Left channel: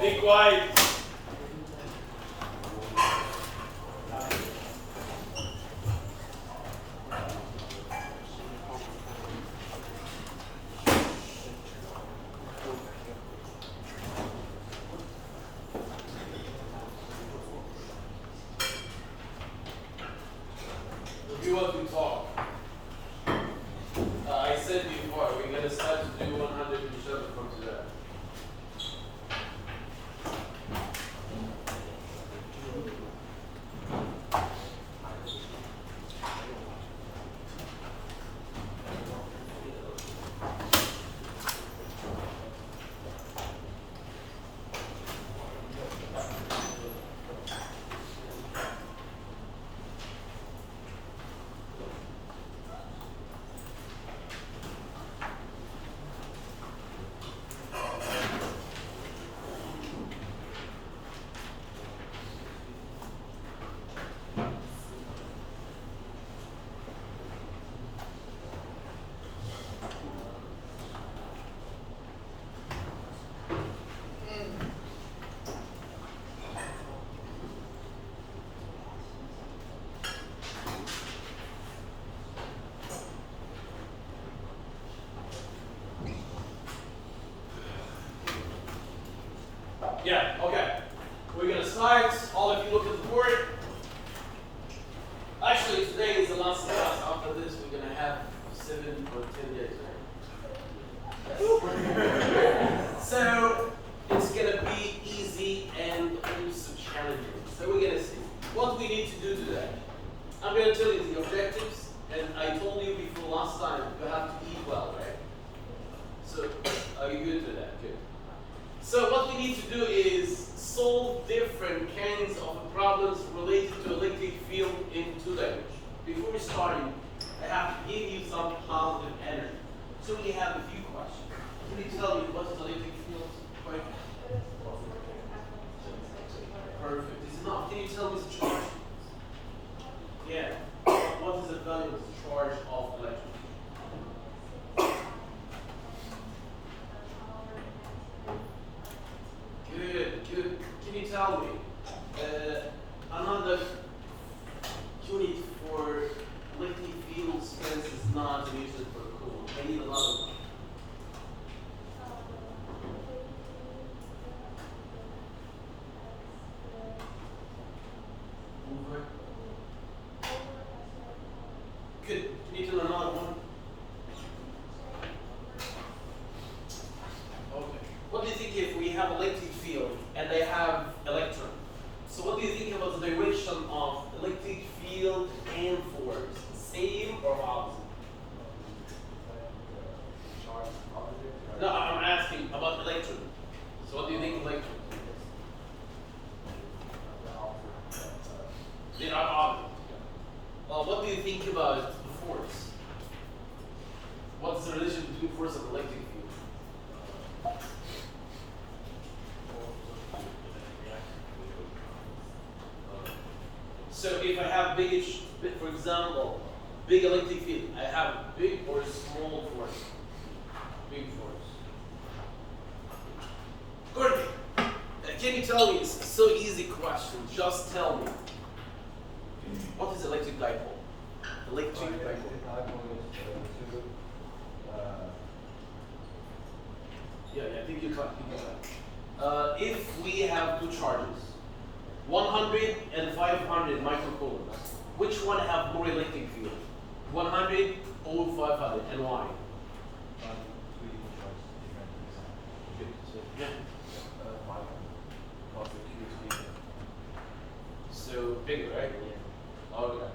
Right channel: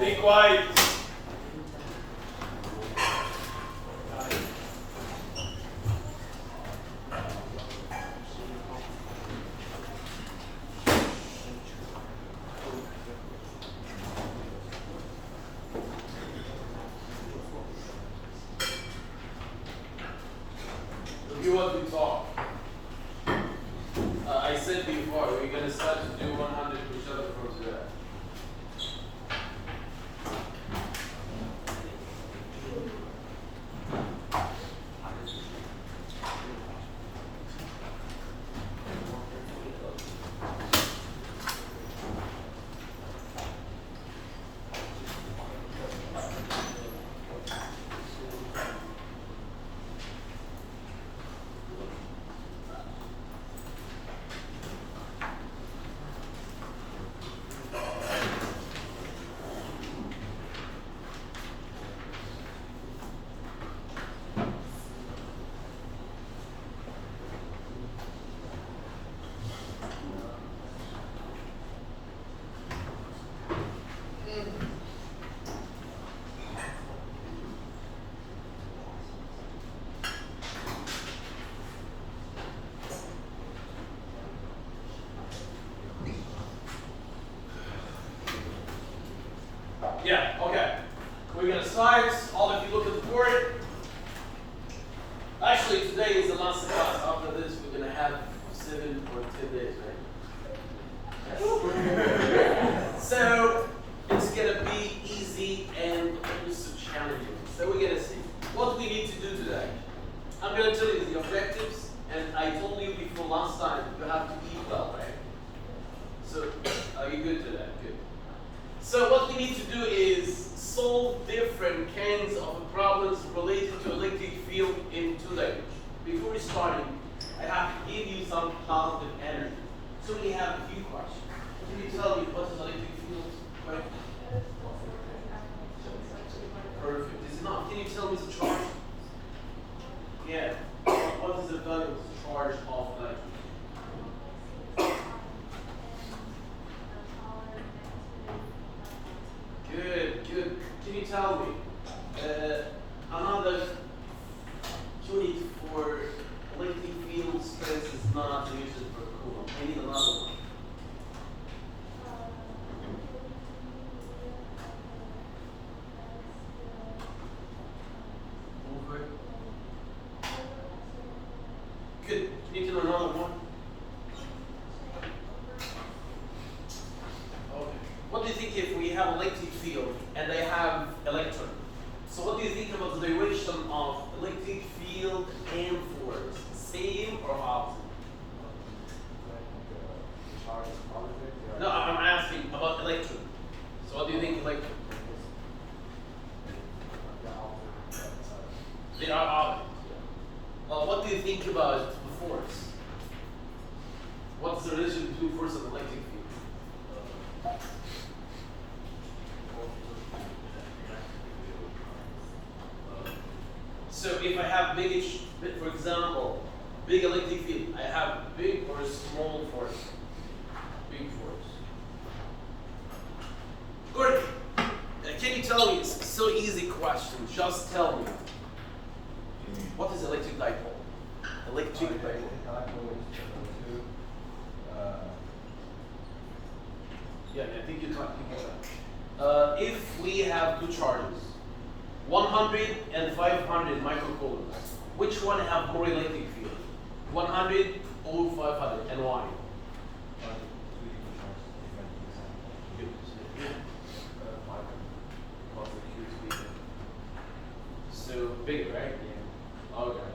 Be quiet. Do what we talk. I said before, we're going to start to do 100 push-ups from today. Yeah, okay. We're going to start. All of you look at the board. Actually, today is the last class. After this, we're going to have 7 or 10 days, right? So, it's going to be easy and also challenging. So, we're going to see what we need to do today. I'm going to tell you the objectives, and I told you before last time you have to eat well, right? So, are you good to that? Good. So what we need to do is solve different kinds of problems related to electric field in 2 languages. Before starting, I have to give you some positive energy. So we have a few questions. Can you tell me what is electric field? Right? Perfect. Is it not? Can you tell me the charge? Yeah. What is the value of the charge of electric? Good, good. Can you tell me another unit for electric field strength is not Newton per coulomb? I need another one. Over. Good. Can you do another one? Okay. What do you think if we have electric field and they have electron? So what do you think about the direction of electric field and force? Same or opposite? No, I'm asking about electron. So what do you think of electron? They are opposite. What do you think about the force? What's the relation between force and electric field? So if I have for example, big electric field, I have big or small force? Big force. Good. Can you tell me, it's so easy question, just tell me. What is electric dipole? Electric dipole. Yeah, I think you can. If we have 2 charges, 100 and 500 microcoulombs, which one have more electric field? 100 or 500, and why? Yeah. So bigger, right? Okay.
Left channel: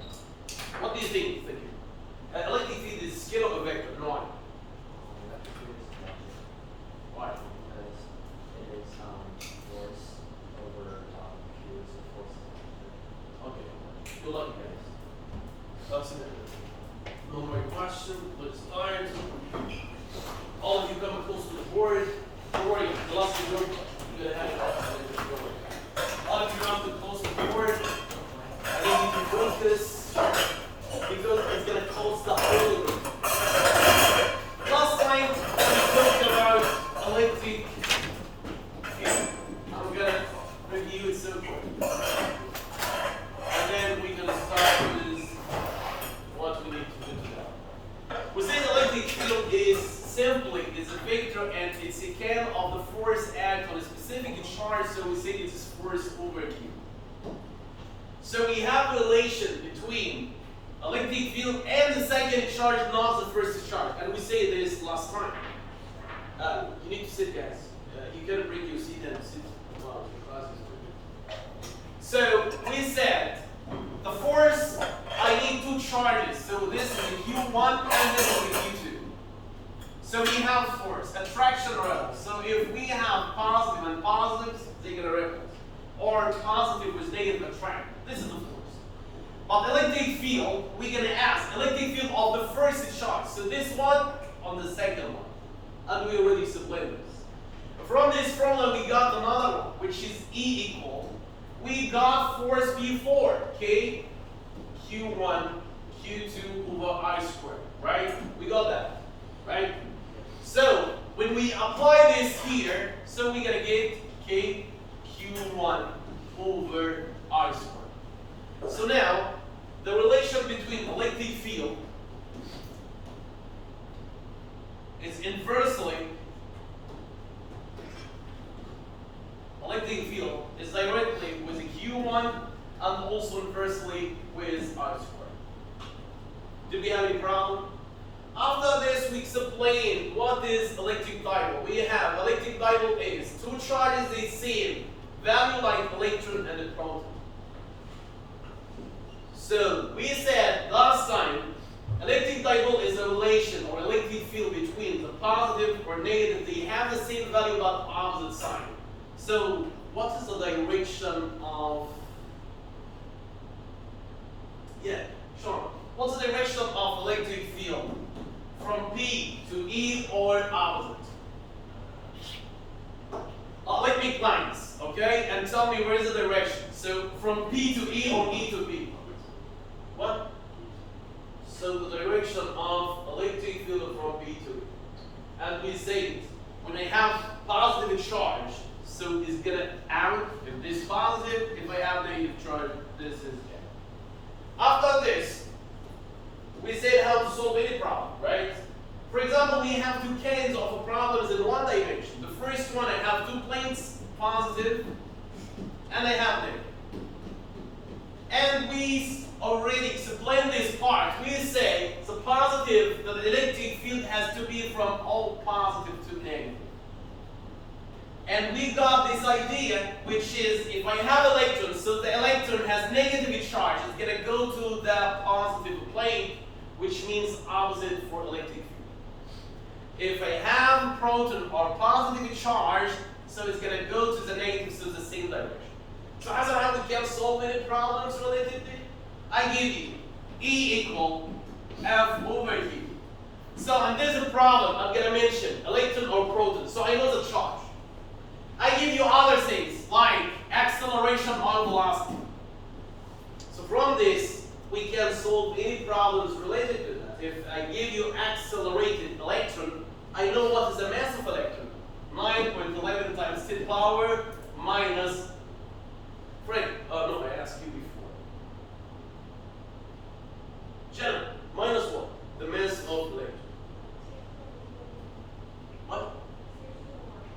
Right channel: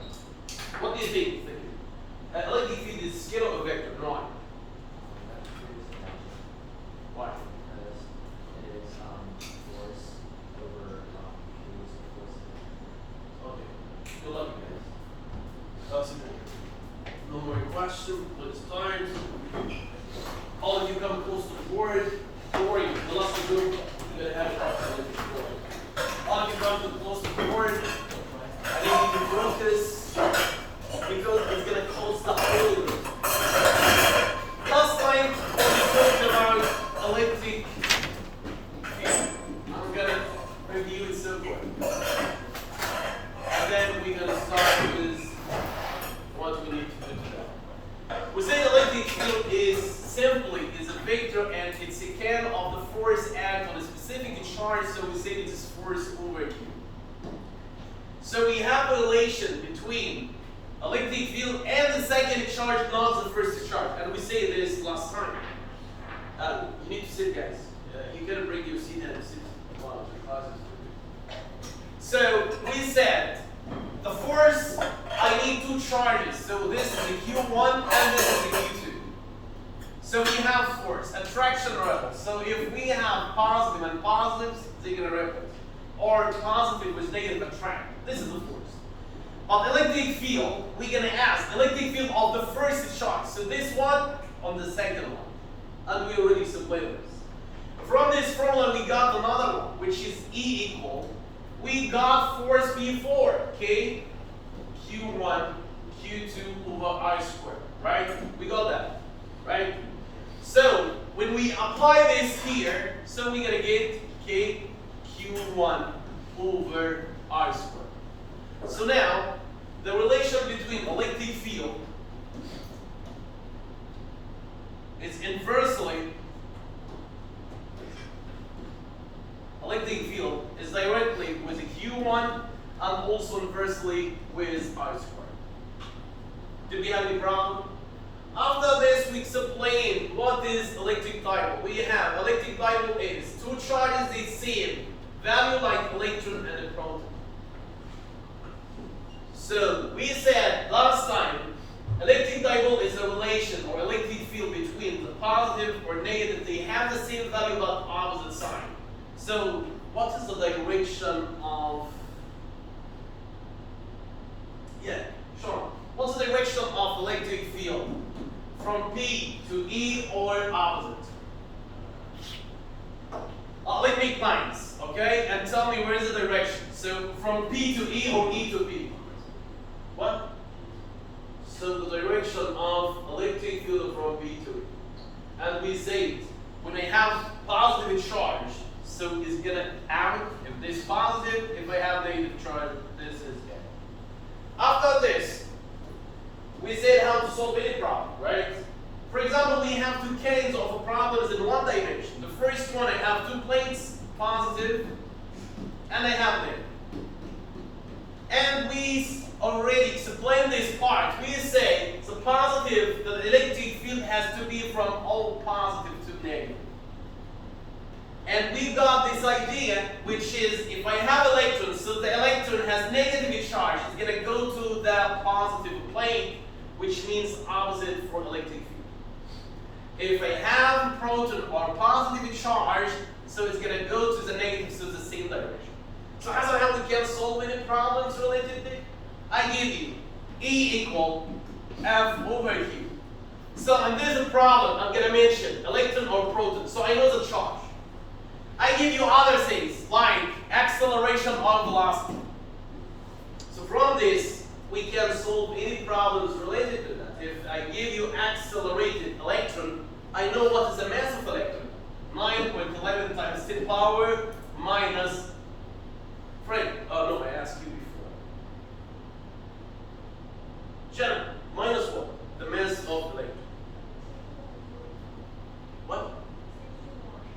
What do you think? Electric field is scalar or vector? No. Why? Because it is force over fields of force. Okay. Good luck, guys. That's it. No more question. Let's start. All of you come close to the board. Don't worry, the last group, you're gonna have it. All of you come too close to the board. I need you to focus because it's gonna close the whole. Last time when we talked about electric field, so we say it is force over Q. So we have a relation between electric field and the second charge, not the first charge. And we say this last time. You need to sit, guys. You can break your seat and sit while the class is doing. So we said the force, I need two charges. So this is the Q1 and this is the Q2. So we have force, attraction or repulse. So if we have positive and positives, they're going to repulse. Or positive with negative attract. This is the force. But electric field, we're going to ask electric field of the first charge. So this one on the second one. And we already explained this. From this formula, we got another one, which is E equal. We got force before, K, Q1, Q2 over I squared, right? We got that, right? So, when we apply this here, so we're going to get K, Q1 over I squared. So now, the relation between electric field is inversely, electric field is directly with a Q1 and also inversely with I squared. Did we have any problem? After this, we explain what is electric dipole. We have electric dipole is two charges, the same value like electron and a proton. So we said last time, electric dipole is a relation or electric field between the positive or negative. They have the same value but opposite sign. So what is the direction of? Yeah, sure. What's the direction of electric field from P to E or opposite? Let me lines, okay, and tell me where is the direction. So from P to E or E to P? What? So the direction of electric field from P to E. And we say when I have positive charge, so it's gonna out if this positive, if I have negative charge, this is negative. After this, we said how to solve any problem, right? For example, we have two cases of problems in one dimension. The first one, I have two planes, positive, and I have negative. And we already explained this part. We say the positive, the electric field has to be from all positive to negative. And we got this idea, which is if I have electrons, so the electron has negative charge, it's going to go to the positive plane, which means opposite for electric field. If I have proton or positive charge, so it's going to go to the negative, so the same direction. So as I have we can solve any problems related to it, I give you E equal F over Q. So in this problem, I'm going to mention electron or proton, so I know the charge. I give you other things like acceleration or velocity. So from this, we can solve any problems related to that. If I give you accelerated electron, I know what is the mass of electron. 9.11 times 10 power minus, Frank, no, I asked you before. Jenna, minus what? The mass of electron. What?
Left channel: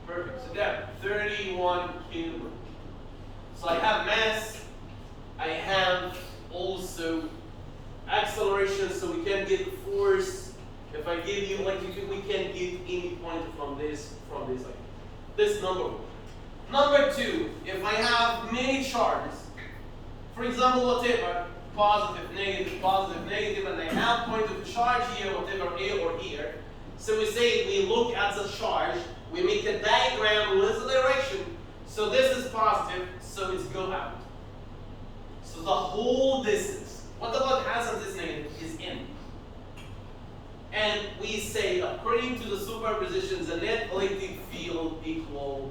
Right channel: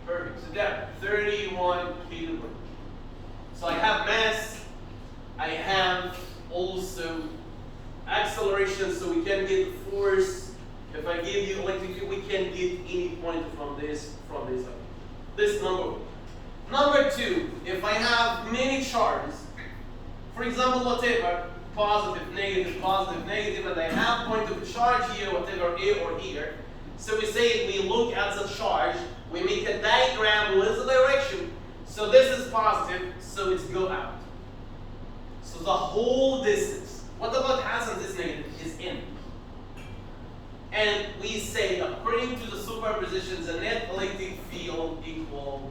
Perfect. So yeah, 31 kilograms. So I have mass, I have also acceleration, so we can get force. If I give you electric field, we can get any point from this this number. Number two, if I have many charges, for example, whatever, positive, negative, and I have point of charge here, whatever, A or here. So we say we look at the charge, we make a diagram with the direction. So this is positive, so it's go out. So the whole distance, what about as this negative, is in. And we say, according to the superposition, the net electric field equal,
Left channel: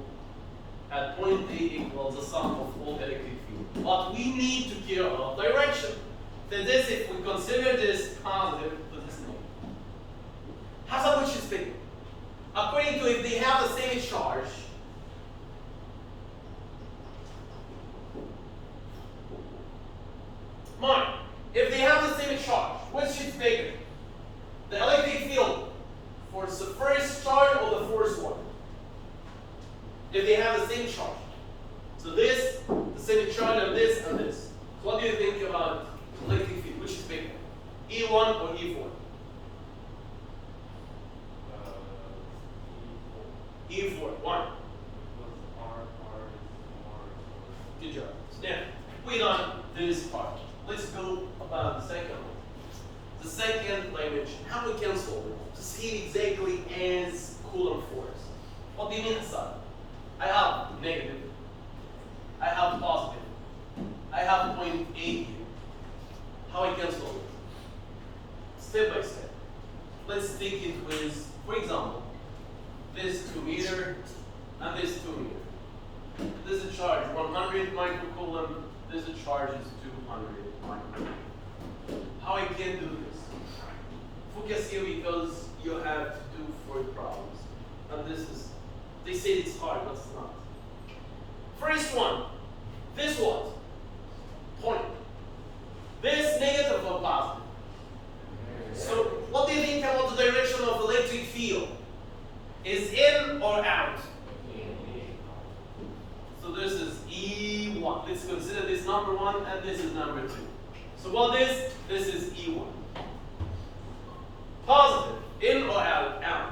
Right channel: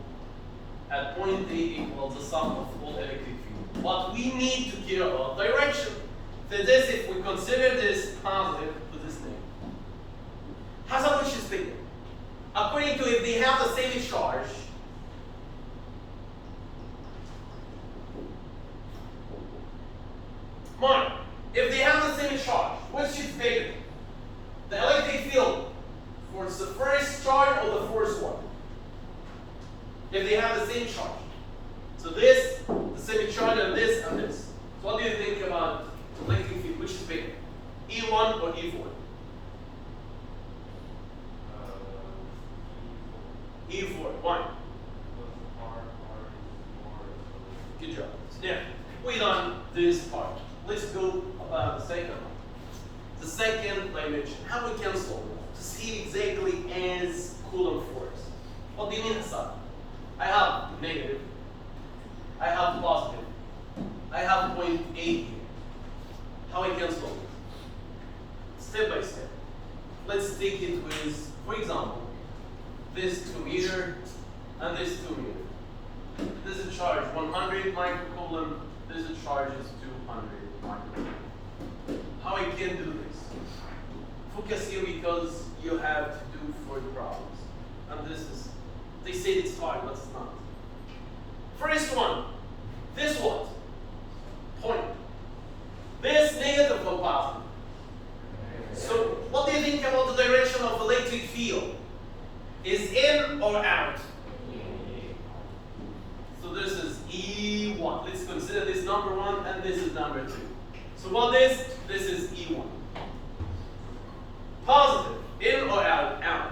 at point A equals the sum of all electric field. But we need to care about direction. So this, if we consider this positive, this negative. How's how much is thinking? According to if they have the same charge, mine, if they have the same charge, which is bigger? The electric field for the first charge or the first one? If they have the same charge. So this, the same charge, and this, and this. So what do you think about electric field? Which is bigger? E1 or E4? E4, one. Good job. So now, we done this part. Let's go about the second one. The second dimension. How we can solve it? To see it exactly as Coulomb force. What do you mean, Hassan? I have negative. I have positive. I have point A here. How I can solve it? Step by step. Let's take it with, for example, this 2 meter and this 2 meter. This is a charge 100 microcoulomb. This is charge is 200 microcoulomb. How I can do this? Focus here because you have to do 4 problems. And this is, they say it's hard, but it's not. First one, this what? Point. This negative or positive? So what do you think about the direction of the electric field? Is in or out? So this is E1. Let's consider this number 1 and this is number 2. So what is this is E1. Positive. In or out? Out.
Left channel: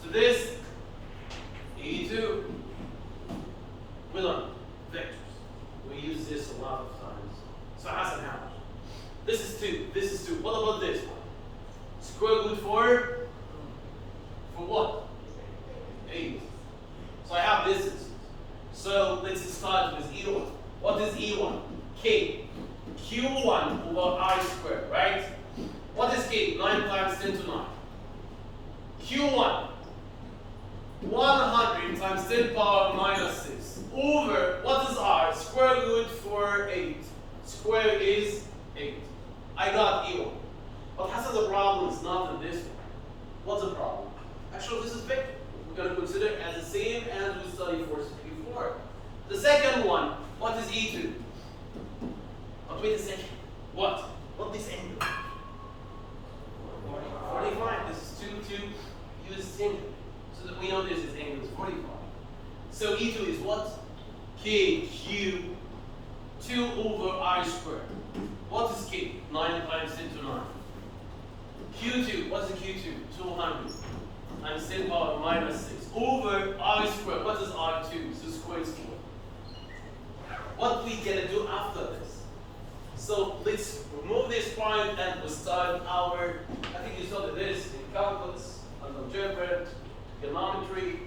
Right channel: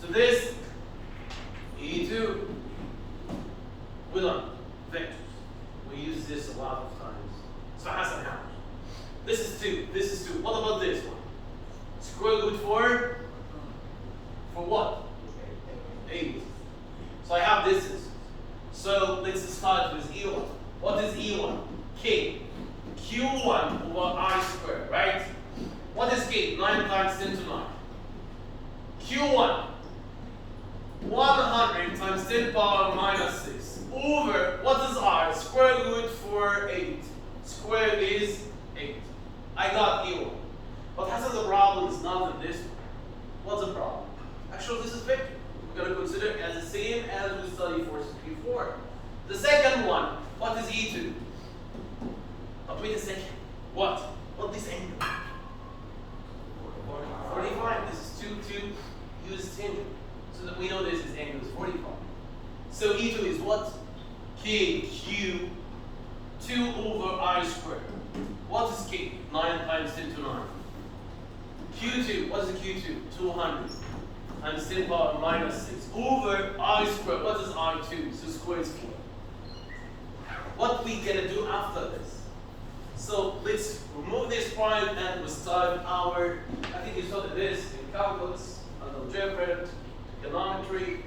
So this E2. We learn vectors. We use this a lot of times. So Hassan, how? This is 2. This is 2. What about this one? Square root for what? 8. So I have distances. So let's start with E1. What is E1? K. Q1 over R squared, right? What is K? 9 times 10 to 9. Q1. 100 times 10 power minus 6 over, what is R? Square root for 8. Square is 8. I got E1. But Hassan, the problem is not in this one. What's the problem? Actually, this is vector. We're going to consider it as the same as we studied forces before. The second one, what is E2? But wait a second. What? What this angle? 45. This is 2 use tangent. So that we know this is angle is 45. So E2 is what? KQ 2 over I squared. What is K? 9 times 10 to 9. Q2, what is the Q2? 200 times 10 power minus 6 over I squared. What is I2? So square is 4. What we gonna do after this? So let's remove this point and we start our, I think you started this in calculus, and algebra, geometry,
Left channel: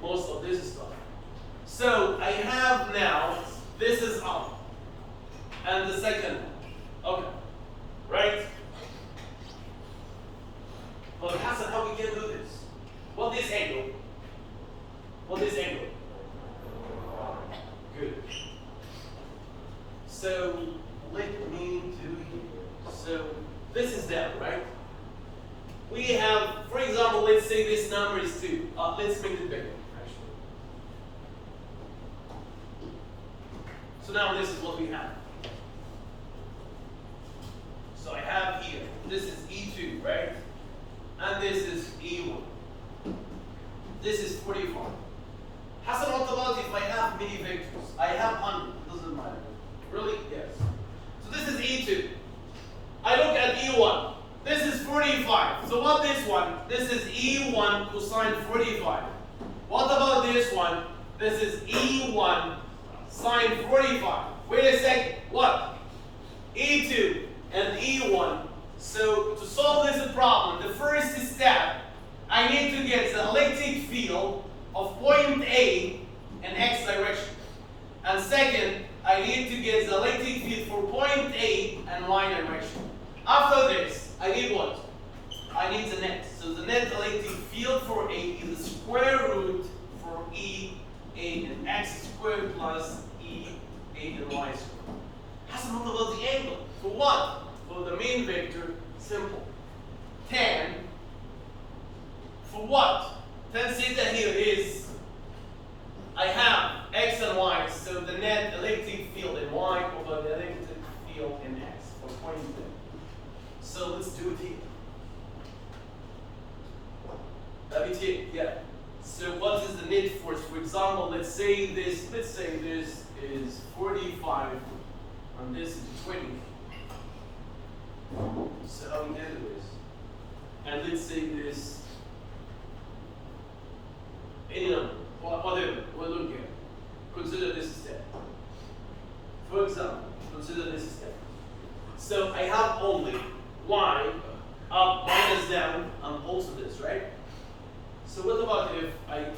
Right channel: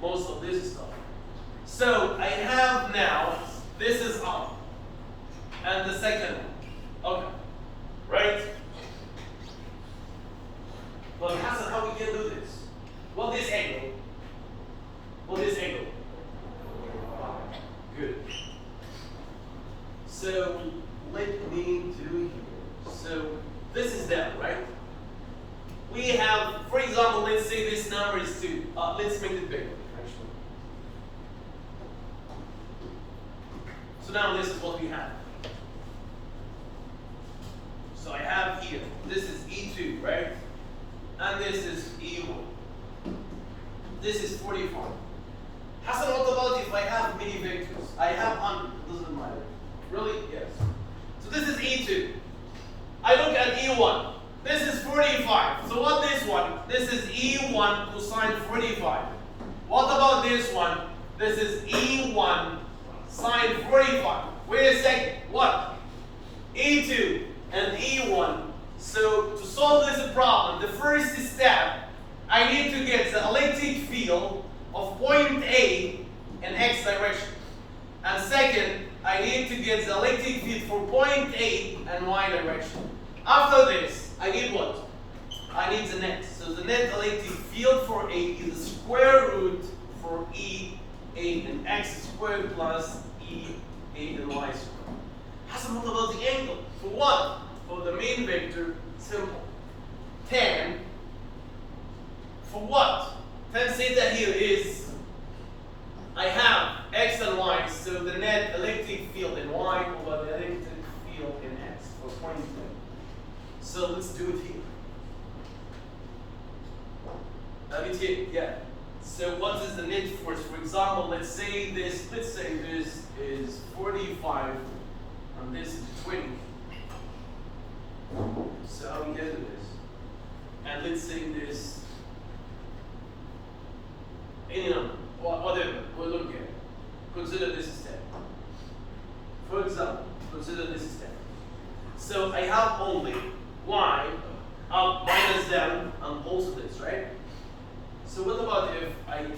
most of this stuff. So I have now, this is up, and the second one. Okay, right? Well, Hassan, how we can do this? Well, this angle. Well, this angle. Good. So let me do here. So this is that, right? We have, for example, let's say this number is 2. Let's make it bigger, actually. So now this is what we have. So I have here, this is E2, right? And this is E1. This is 45. Hassan, what about if I have many vectors? I have 100, doesn't matter. Really? Yes. So this is E2. I look at E1. This is 45. So what this one? This is E1 cosine 45. What about this one? This is E1 sine 45. Wait a second. What? E2 and E1. So to solve this problem, the first step, I need to get the electric field of point A in X direction. And second, I need to get the electric field for point A in Y direction. After this, I need what? I need the net. So the net electric field for A is the square root for E A in X squared plus E A in Y squared. Hassan, what about the angle? For what? For the main vector, simple. Tan, for what? Tan theta here is, I have X and Y, so the net electric field in Y over the electric field in X, for point A. So let's do it here. That is it, yeah. So what is the net force, for example? example, let's say this is 45 and this is 20. So how we can do this? And let's say this any number, or whatever, we're looking at. Consider this step. For example, consider this step. So I have only y up minus down and also this, right? So what about if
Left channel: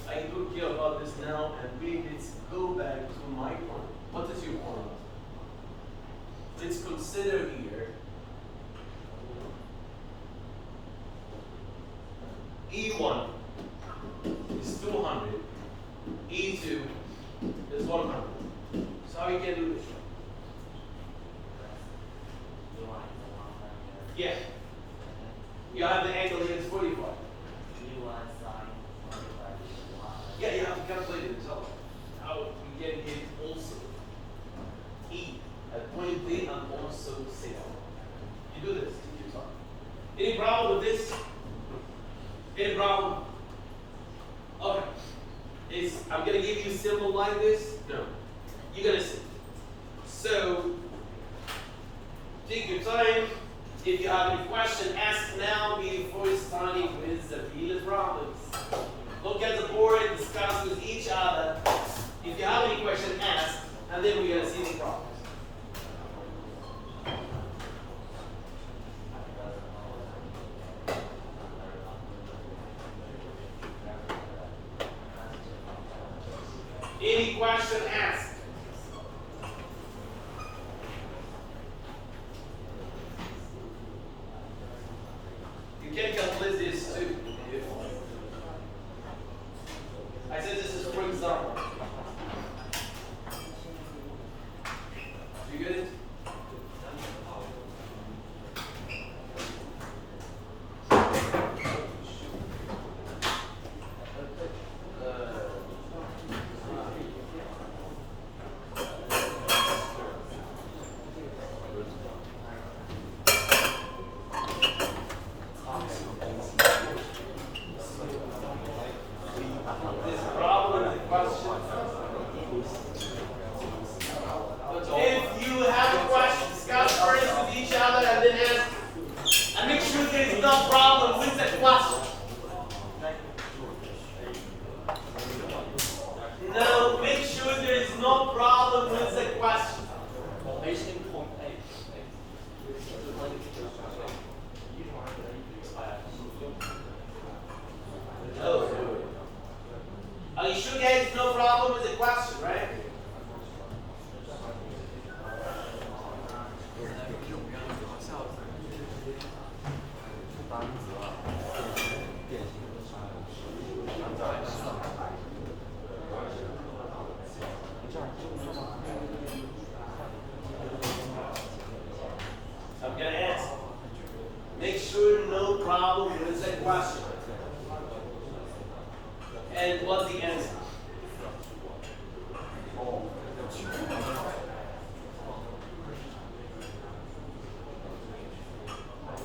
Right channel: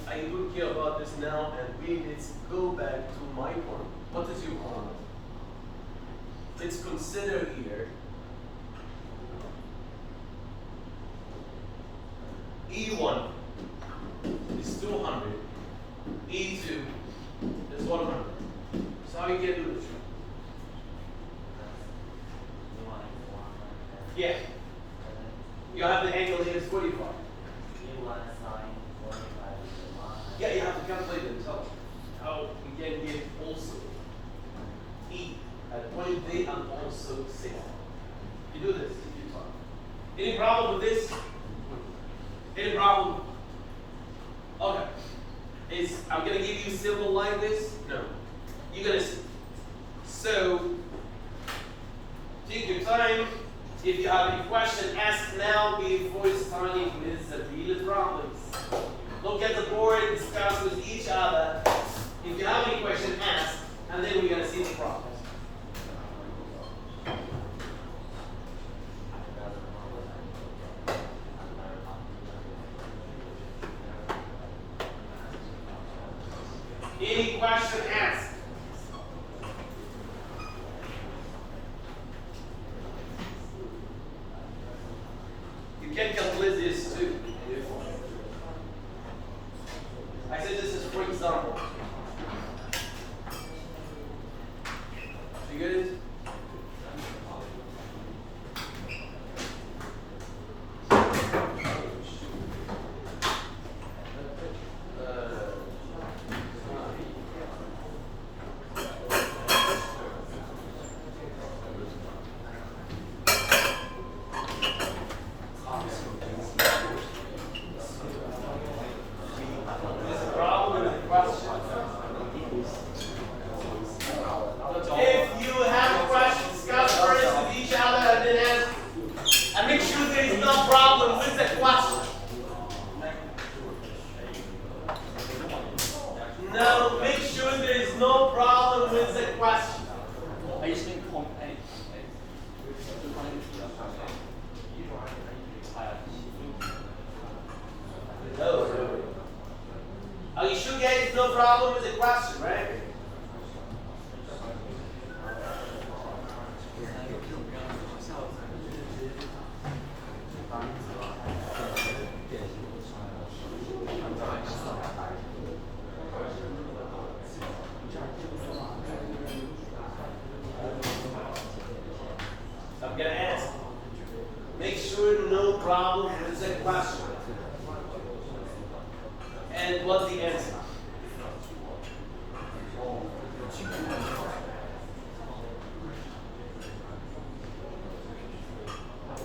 I look here about this now and let's go back to my point. What is your point? Let's consider here E1 is 200, E2 is 100. So how you can do this? Yeah. You have the angle here is 45. Yeah, you have to calculate it. So how we can get also E at point B and also C. You do this. Any problem with this? Any problem? Okay. I'm gonna give you a symbol like this? No. You're gonna see. So take your time. If you have any question, ask now before starting with the real problems. Look at the board, discuss with each other. If you have any question, ask, and then we're gonna see the problems. Any question, ask. You can calculate this too. I said this is for example. You get it? If you have questions, discuss first with each other and then ask. And make sure there is no problem with the question. No, make sure there is no problem with the question. Hello. Are you sure there is no problem with the question, right? I'm gonna ask. Make sure no problem with the question. And what's the answer?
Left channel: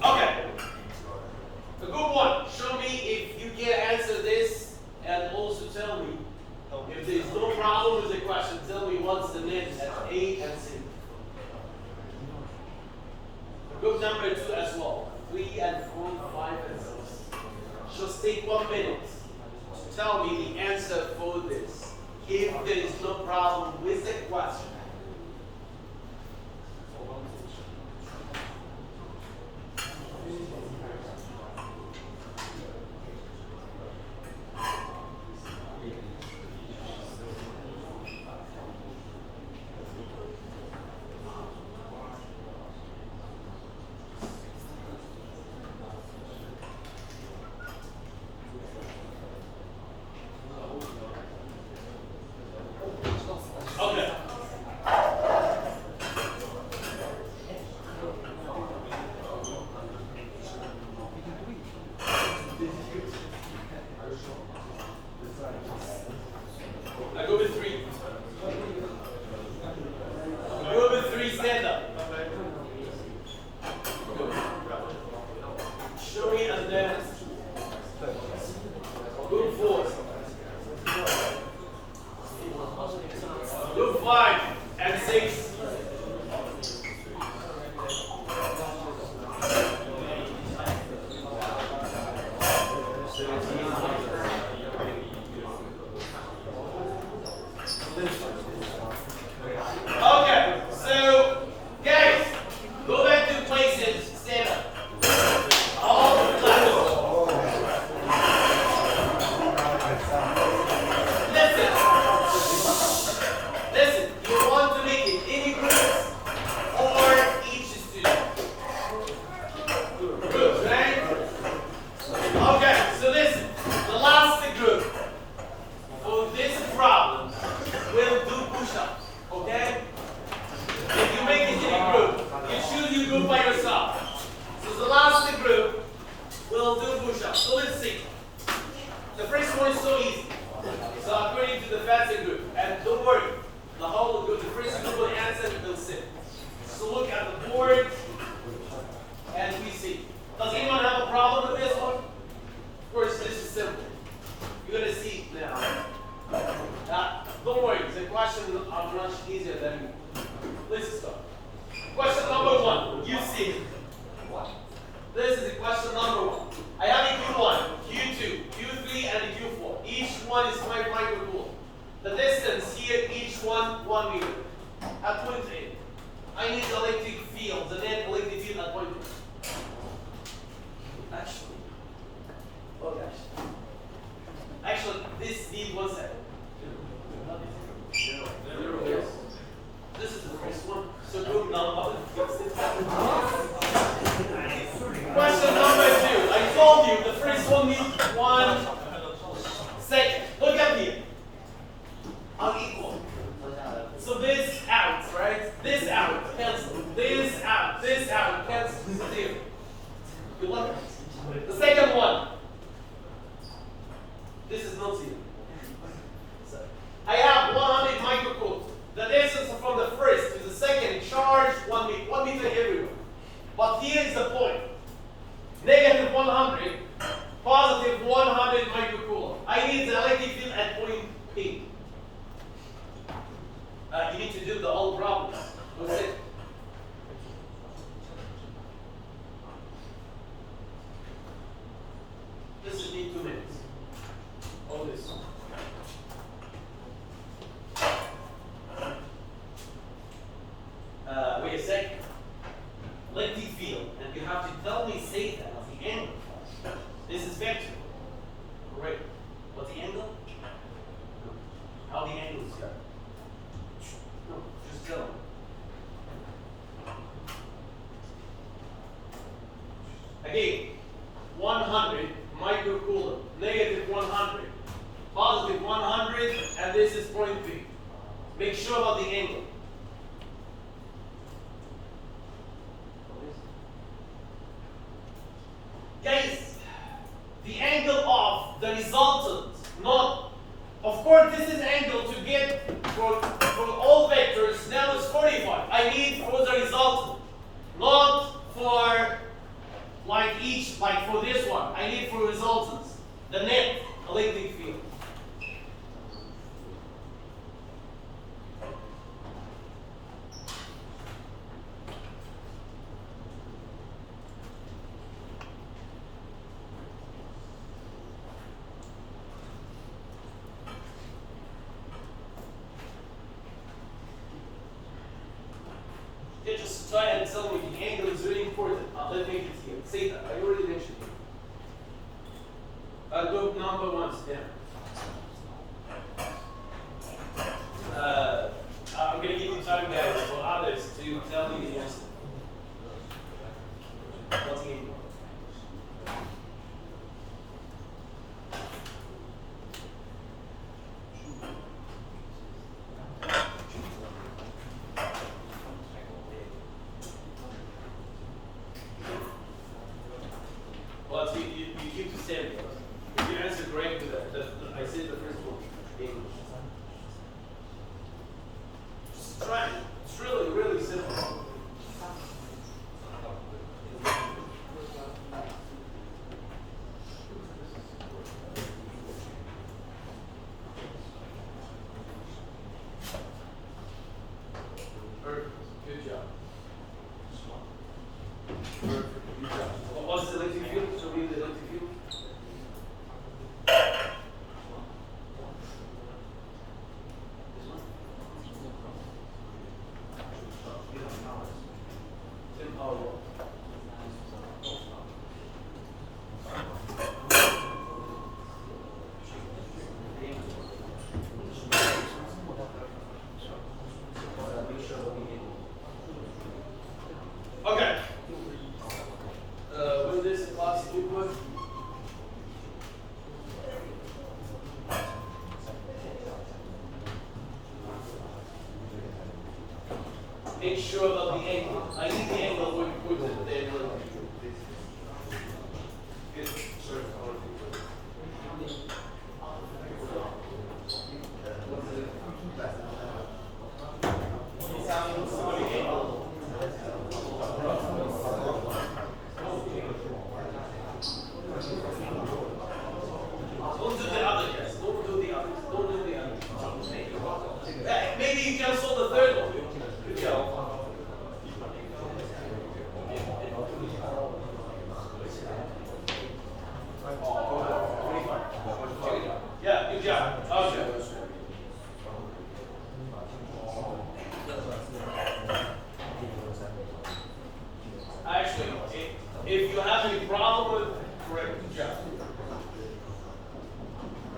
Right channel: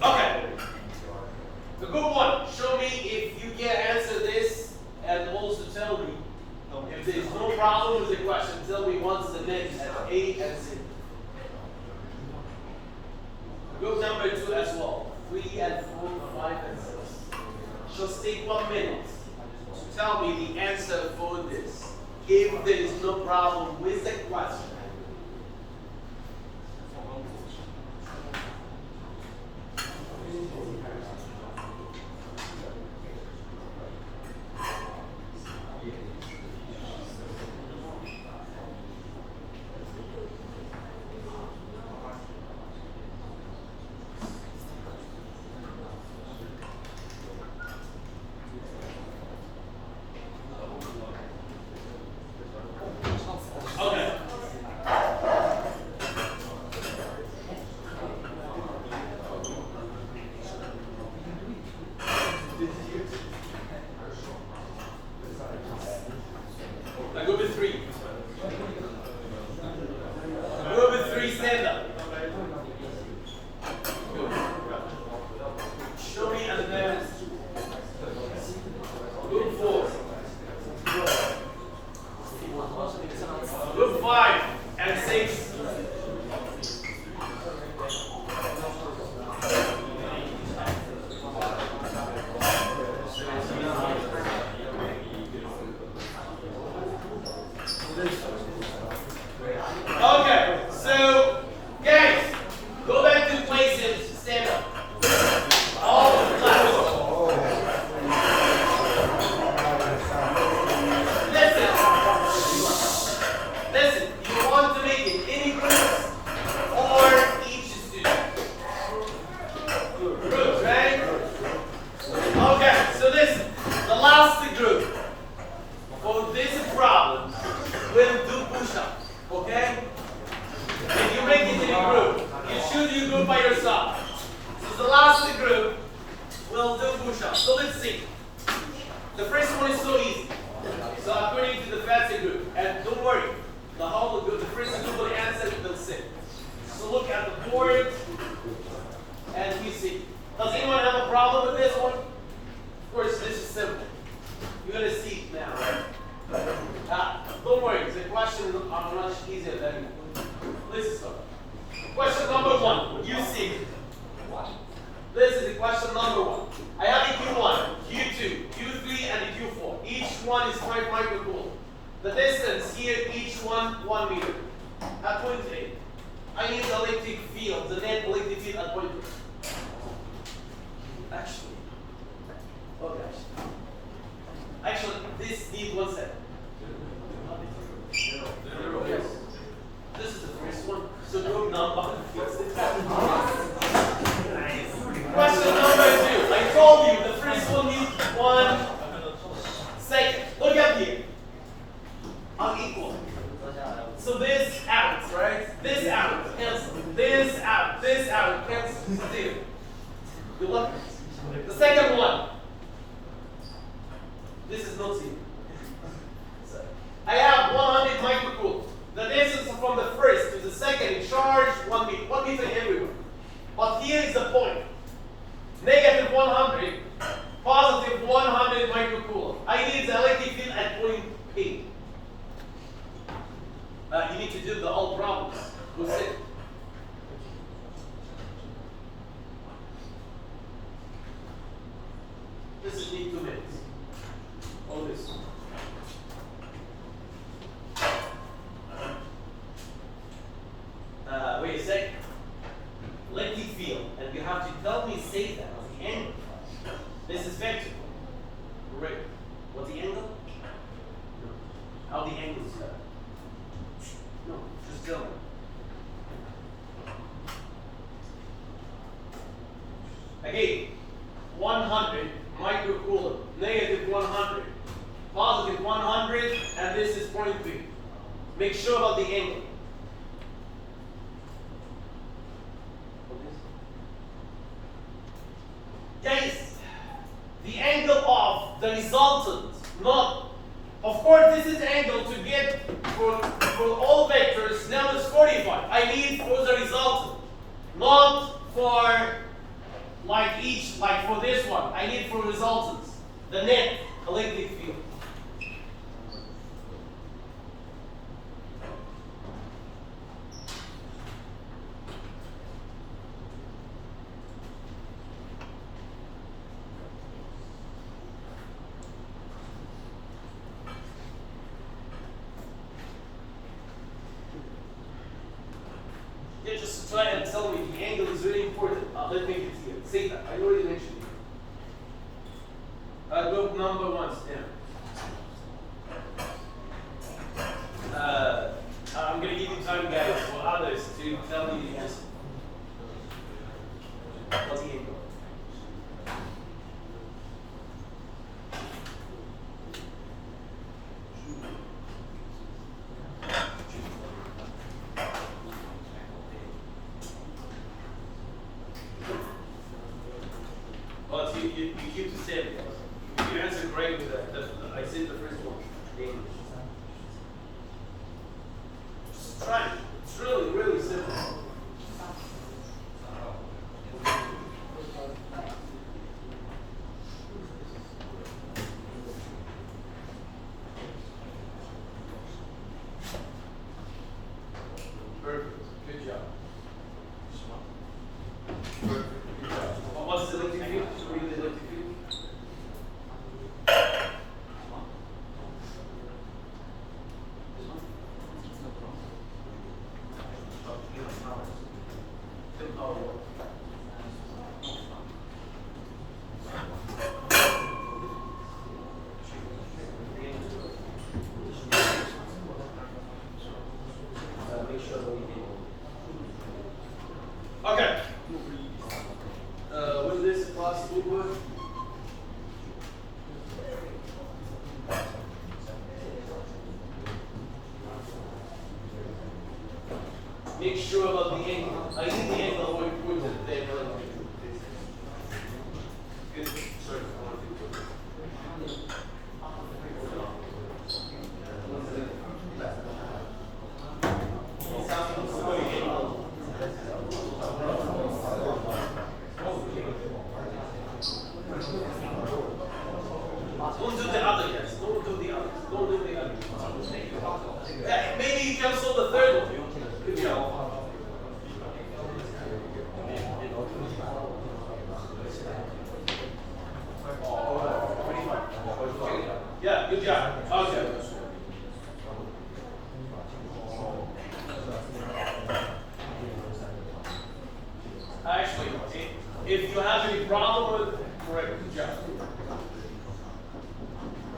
Okay. The good one. Show me if you can answer this and also tell me if there is no problem with the question. Tell me what's the next at A and C. Group number 2 as well. 3 and 4, 5 and 6. Just take 1 minute to tell me the answer for this. If there is no problem with the question. Okay. Group 5 and 6. Okay, so guys, go back to places, stand up. All clap. Listen, you want to make it any groups or each student? Groups, right? Okay, so listen, the last group for this problem will do push-ups, okay? If you make it in a group, you should you do by yourself. So the last group will do push-ups. So let's see. The first one is so easy. So I'm putting to the fancy group. And don't worry, the whole group, the first group will answer, will sit. So look at the board and we see. Does anyone have a problem with this one? Of course, this is simple. You're going to see it now, right? Don't worry, the question is much easier than let's start. Question number 1, you see. This is the question number 1. I have a Q1, Q2, Q3, and a Q4. Each one is 5 microcoulomb. The distance here, each one 1 meter. At point A, I need the electric field, the net electric field at point A. Actually, oh gosh. Actually, this needs 1 second. Yes. This is the first one. So group number. Question number 2. I told you the first one needs 1 second. Look at here. Unequal. So this out, right? This out, cancel. This out, cancel. 0. You look. The second one. This is not 0. I have 100 microcoulomb. The distance from the first to the second charge 1 meter. 1 meter everywhere. But here is the point. Negative 100, positive 100 microcoulomb. I need the electric field at point P. You need to do the whole problems. We'll see. This is in 2 minutes. All this. Wait a second. Electric field, and you have to tell me say that of the angle. This is vertical. Great. What's the angle? How the angle is cut? No, just tell me. Again, 100 microcoulomb, negative 100, positive 100, and this is point 3. Make sure about the angle. Guys, the angle of the resultant, not, of course this is angle to get for all vectors, now it's 45. I need for the resultant, not for like each, like for this one. I need for resultants, the net electric field. Just try and tell me the angle is really important. Let me get here. Say that. I already mentioned it. Group number 1 is down. I'm going to give you time, guys, for others to tell me the answer. What's the angle? But you keep the same. If you answer great with the make sure about the angle. I need the angle where you put it there. Good. Sorry. Don't do the other guys. Don't do the others. Don't do the others. Maybe you cancel the third one. Good job. Yeah, good job. Okay. Actually, if you have any problem with, correct, good job.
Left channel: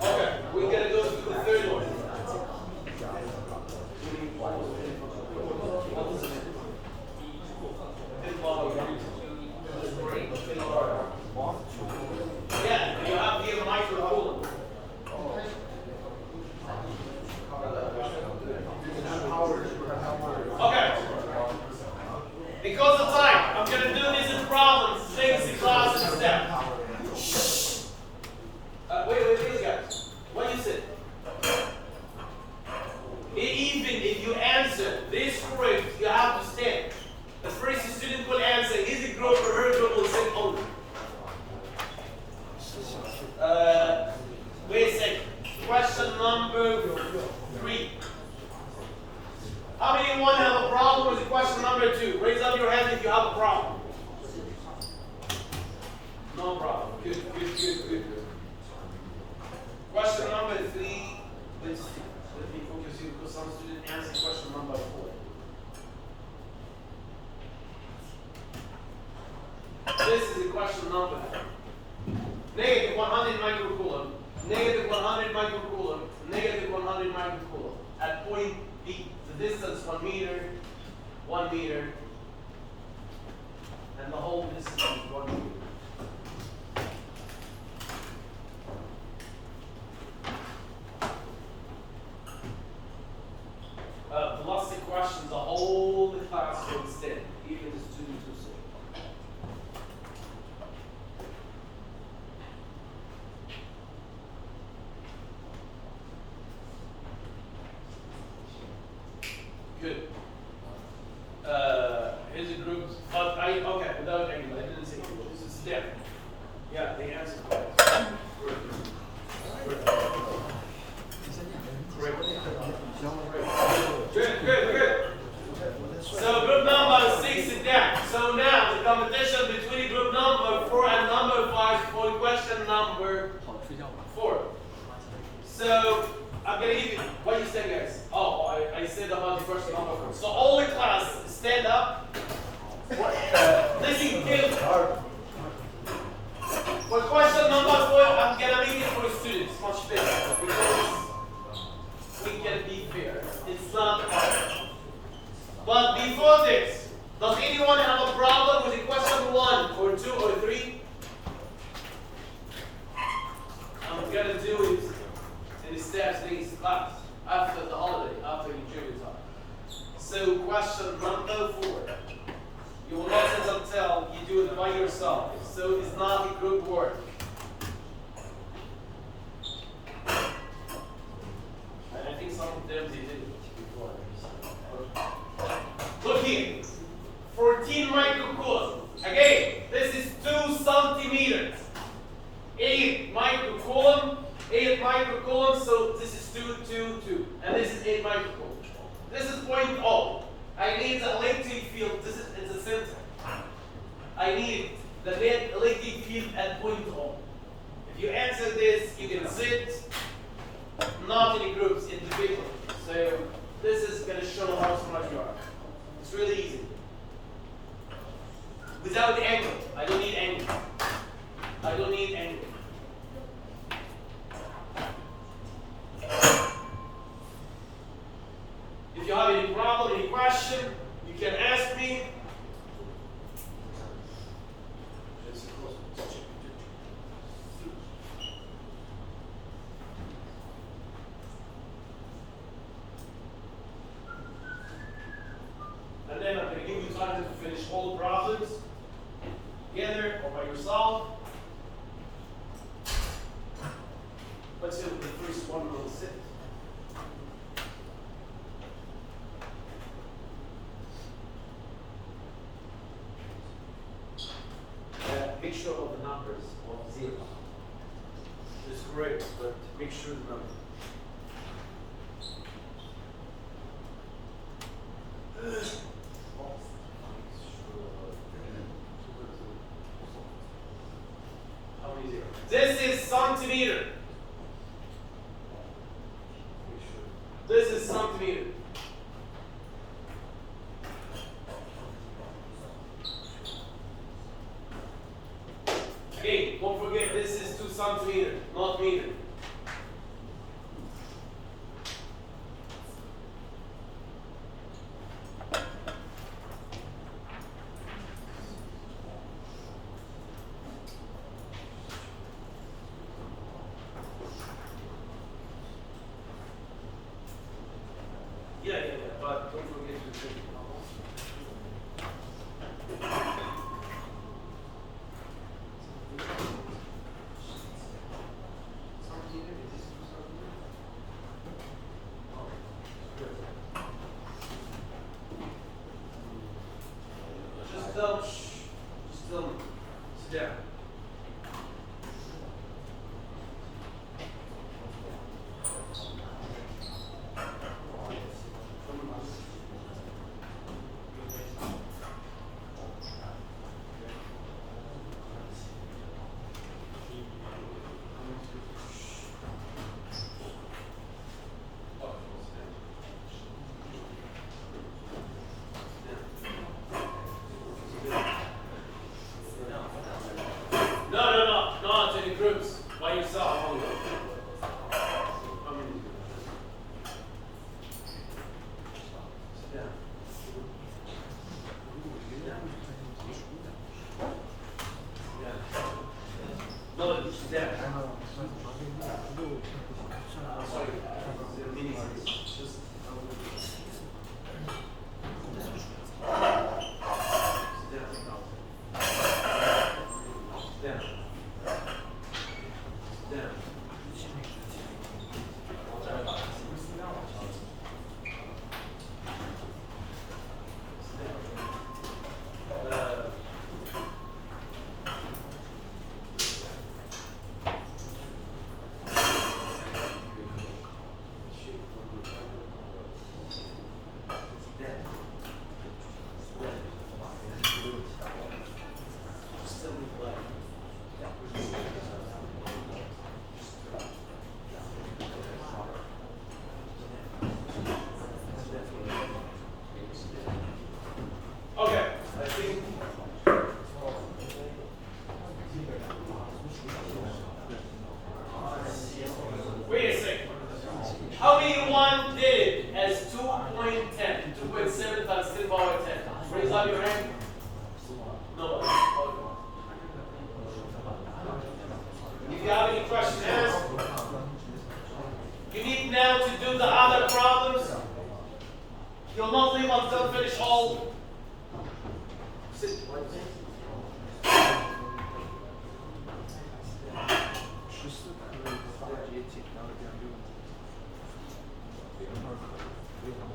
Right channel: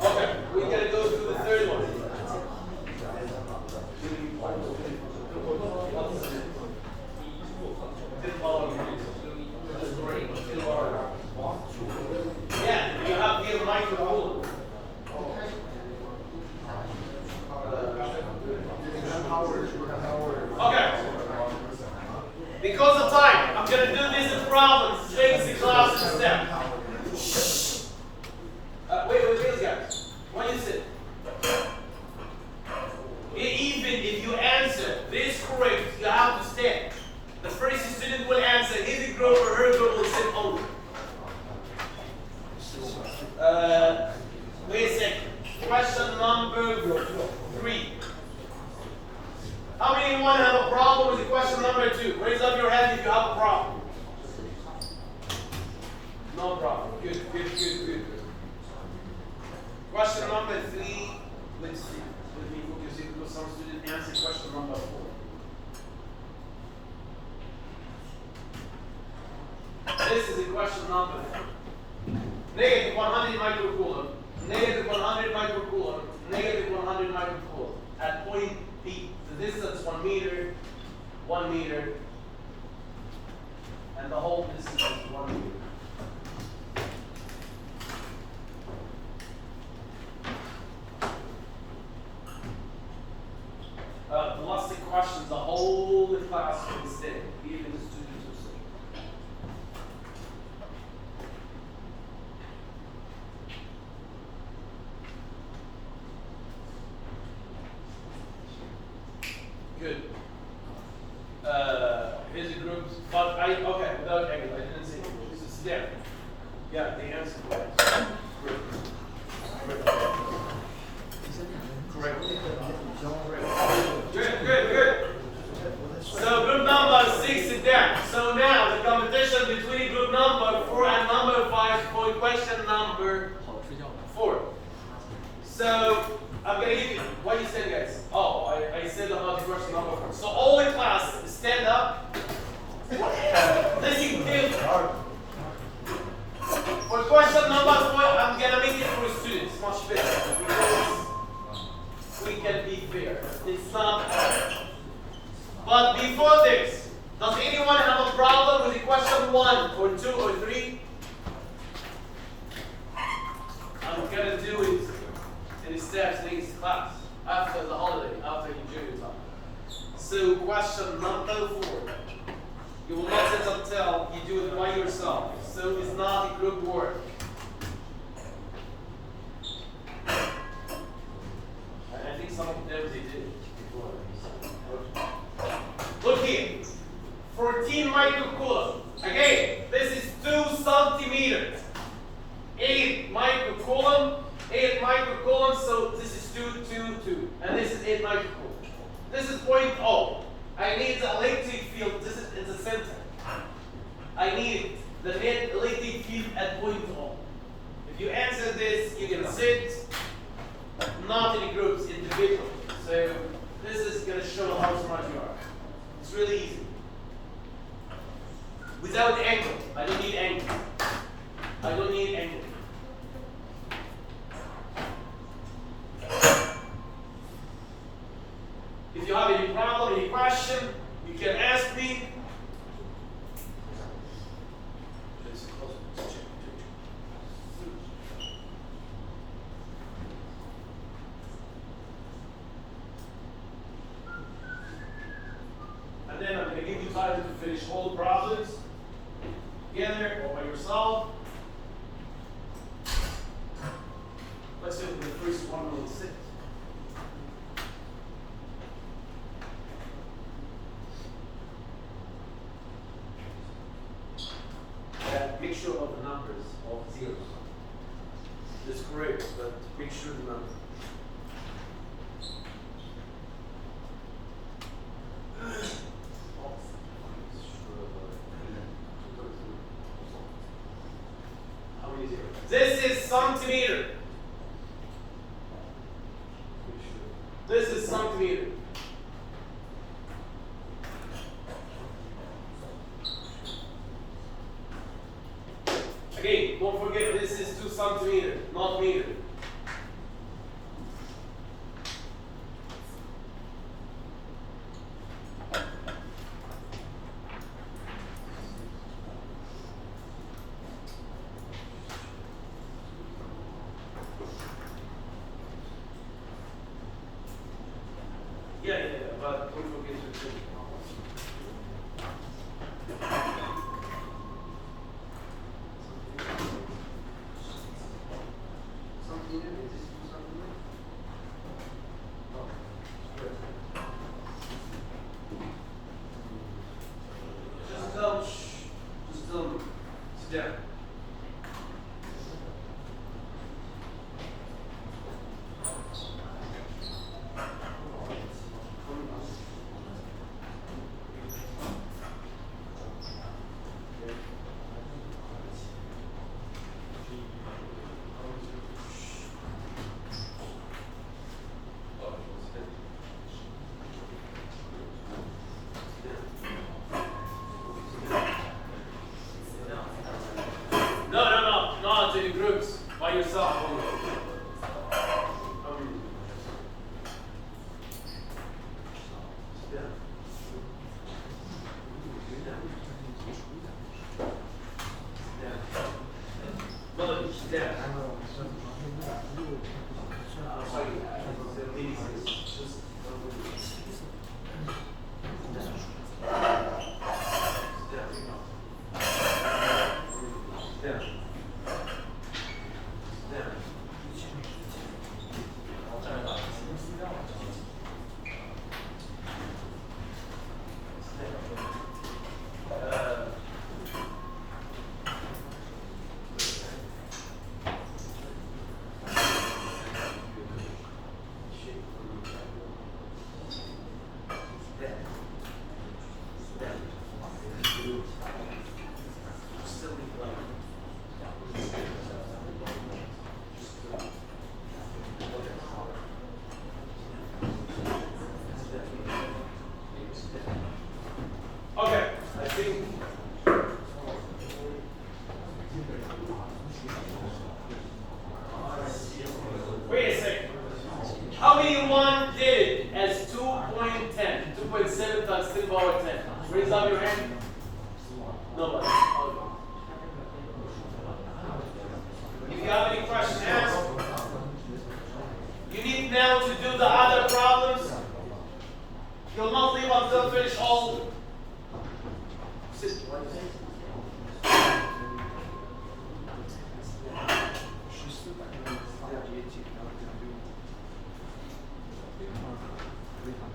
Okay, we're gonna go through the third one. Yeah, you have here microcoolant. Okay. Because of time, I'm gonna do these in problems, things in class instead. Wait, guys. Why you sit? Even if you answer this correct, you have to stand. The first student will answer his group or her group will sit only. Wait a second. Question number 3. How many want to have a problem with the question number 2? Raise up your hand if you have a problem. No problem. Good. Question number 3. Let's see. Let me focus it because some student answered question number 4. This is the question number 3. Negative 100 microcoulomb, negative 100 microcoulomb, negative 100 microcoulomb. At point B, the distance 1 meter, 1 meter, and the whole distance is 1 meter. Lots of questions, the whole class will instead, even the students will say. Good. Here's a group, but okay, without angle, I didn't see it. It's there. Yeah, the answer. Correct. Good. So group number 6 is there. So now the competition between group number 4 and number 5 for question number 4. So I'm gonna give you what you said, guys. Oh, I said about the question number 4. So all the class stand up. Listen to. For question number 4, I'm gonna make it for students much better because we can be fair. It's not hard. But before this, does anyone have a problem with the question 1 or 2 or 3? I'm gonna do it in the steps next class after the holiday, after the junior time. So question number 4. You will not sit until you do it by yourself. So it's not a group work. I think some of them they did it before. Look here. 14 microcoulomb. Again, this is 2 centimeters. 8 microcoulomb. 8 microcoulomb. So this is 2, and this is 8 microcoulomb. This is point O. I need the electric field. This is in the center. I need the net electric field at point O. If you answer this, you can sit. Not in groups, individually. So this is going to show how smart you are. It's really easy. Without angle. I don't need angle. I don't need angle. If you have any problem, any question, you can ask me. And numbers of zeros. That's correct, but make sure the number. How many zeros? This is centimeter. This is centimeter. Again, don't forget this is 2 centimeter, not meter. Yeah, but don't forget the 2. Just sit down. Not in groups, by yourself only. How many? Yeah. No, sit down. Sorry, the meeting is just. Okay, I think. Wait a second. How many one did it as 2.10? 2.7 times 10 power 10. Raise up your hand. Nobody. Okay. If you have any questions, ask. You need now to do the other problems. You'll not leave until finish all. Sit.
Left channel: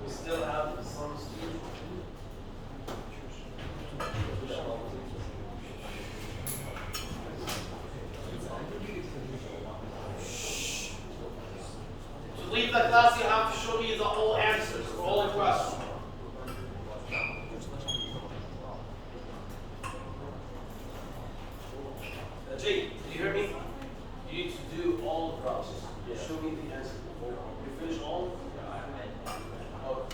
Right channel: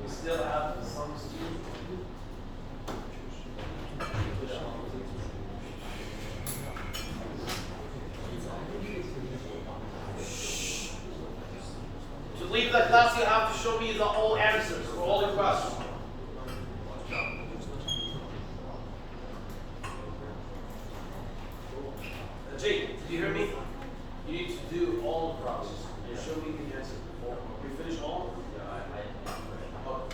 We still have some students. To leave the class, you have to show me the whole answers for all the questions. Jake, do you hear me? You need to do all the process. You show me the answer before. You finish all? Okay.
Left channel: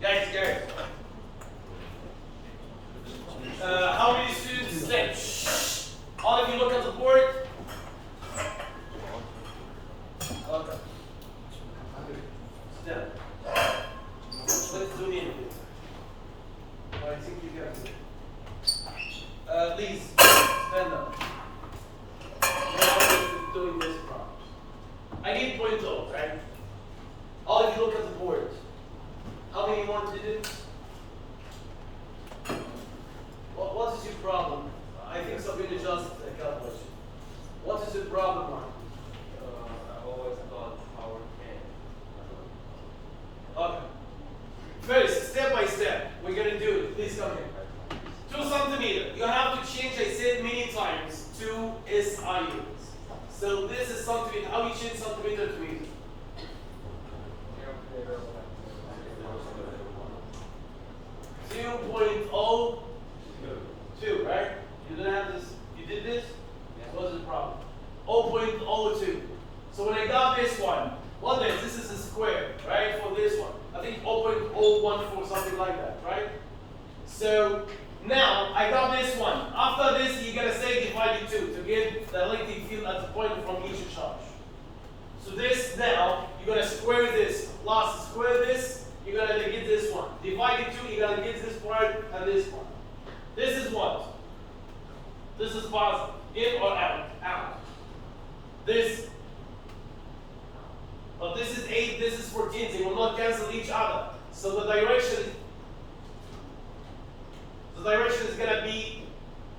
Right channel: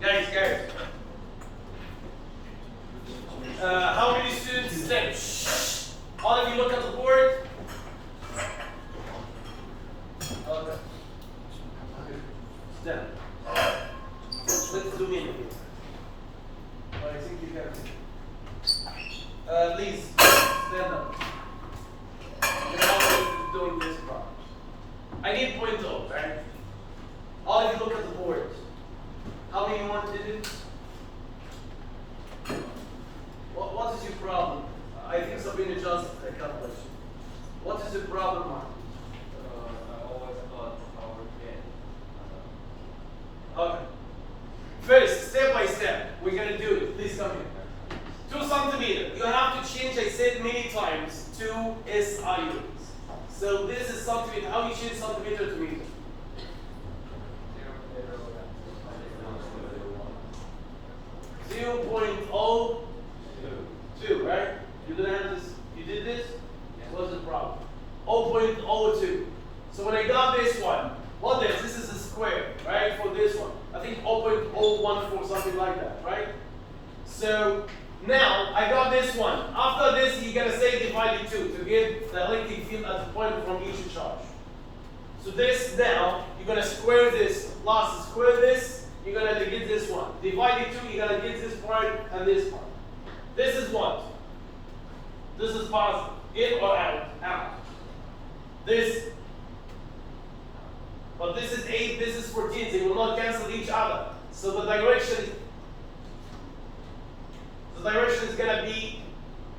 Guys. How many students stay? Shh. All of you look at the board. Okay. Stand up. Let's zoom in here. I think you have to. Please, stand up. We're always doing this problem. I need point O, right? All of you look at the board. How many want to do? What is your problem? I think somebody adjusted the calculation. What is the problem, Mark? I always thought power 10. Okay. First, step by step, we're gonna do it. Please come here. 2 centimeters. You have to change, I said many times, to SI units. So this is centimeter. How you change centimeter to meter? 0.02, right? You didn't have this, you did this? What's the problem? 0.02. So when I got this one, this is a square, right? For this one. I think 0.014, something like that, right? So now I got this one. After this, you gotta say divided 2 to get the electric field at the point from each charge. So this now, you're gonna square this plus square this, you're gonna get this one. Divided 2, you're gonna get this part and this part. This is what? This is positive. In or out? Out. This, but this is 8, this is 14, so you will not cancel each other. So the direction is gonna be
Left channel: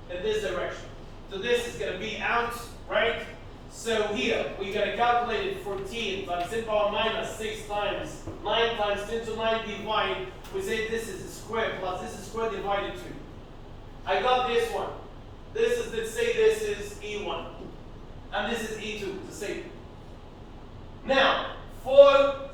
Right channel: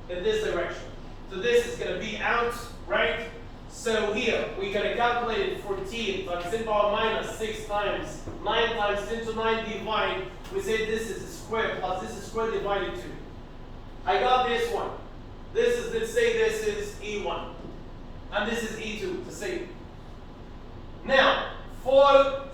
in this direction. So this is gonna be out, right? So here, we're gonna calculate 14 times 10 power minus 6 times 9 times 10 to 9 divide. We say this is a square plus this is square divided 2. I got this one. This is, let's say this is E1. And this is E2, the same. Now, for